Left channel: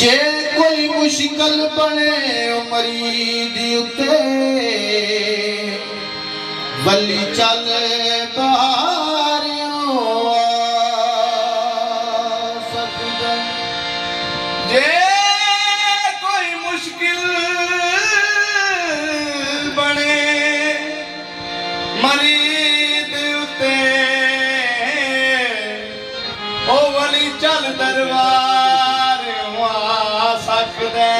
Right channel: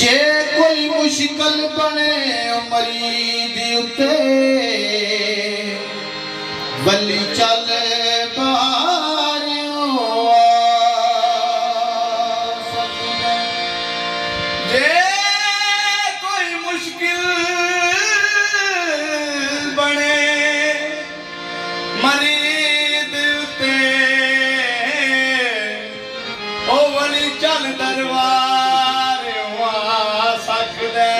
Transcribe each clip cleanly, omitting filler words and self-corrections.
जे कोई मुश्किल बने मरीद उते वली चल जे कोई मुश्किल बने मरीद उते ओ वली चल दरबार आ सकदे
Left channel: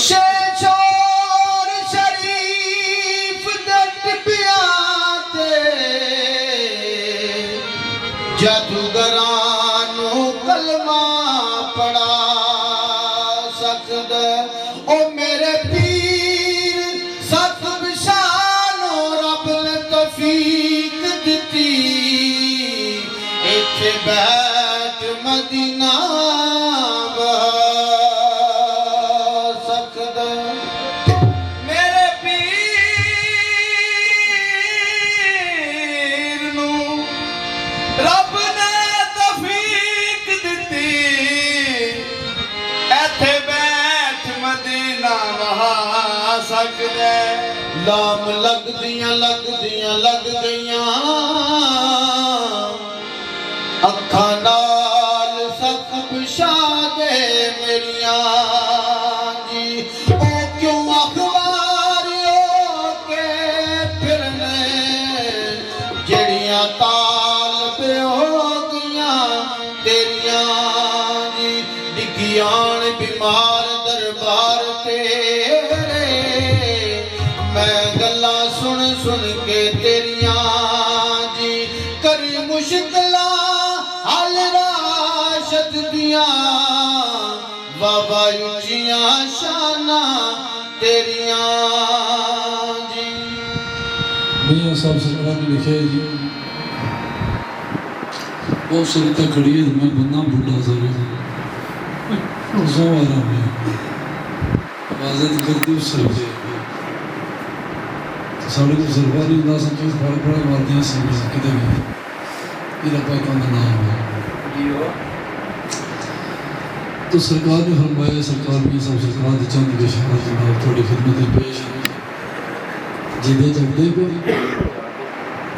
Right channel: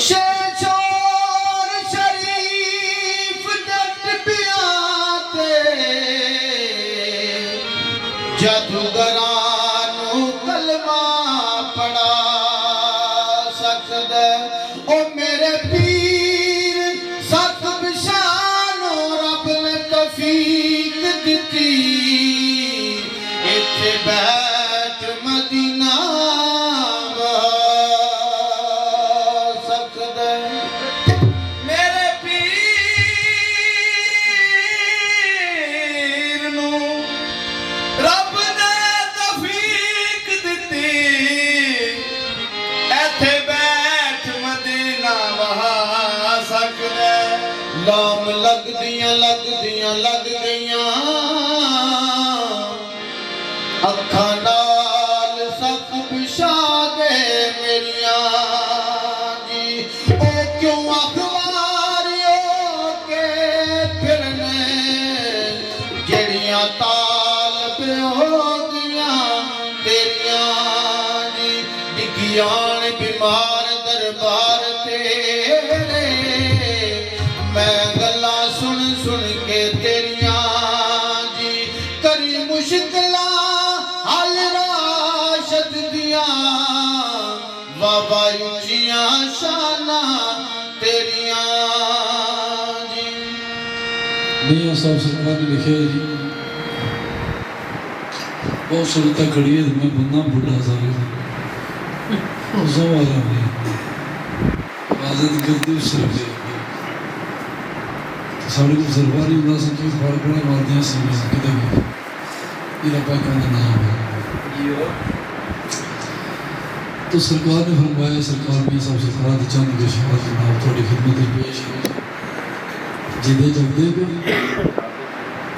शेर शरीफ दट पिया ते जादूगरां नू कलमा पढ़ा सकदे ओ मेरे पीर सत बिशानो रब ने तौफीक दिती इत्थे बैठ मदीना लाम लग गईयां अखा नाल सख बिछा दे मेरियां जी ओ क्यों अखबारियों के फिरने जड़ियां ताल बेहोदियां तेरियां जी डिगियान बीमार दरबार तेरे मैं गल्ला सुन सुन के तेरियां जी करी मुश्किला हल राशद दियां बाबा उचियां शाना तेरियां जी। मियां साहब सरकार ने लिखे जी वो सरिता खड़ी है मैं बन्ना बूढ़ा सारे ज़वारा आज़ाद करती उस सरकार साढ़े को सरकारी उदास संतोष बड़े वादियाँ से किधर गए मेरा भाई का नाम है तो सरकार ने फरमाया सरकार में सब सरकार के चंद के शहर जनाब थोड़ी खिदमत पेश जिदे जगदे को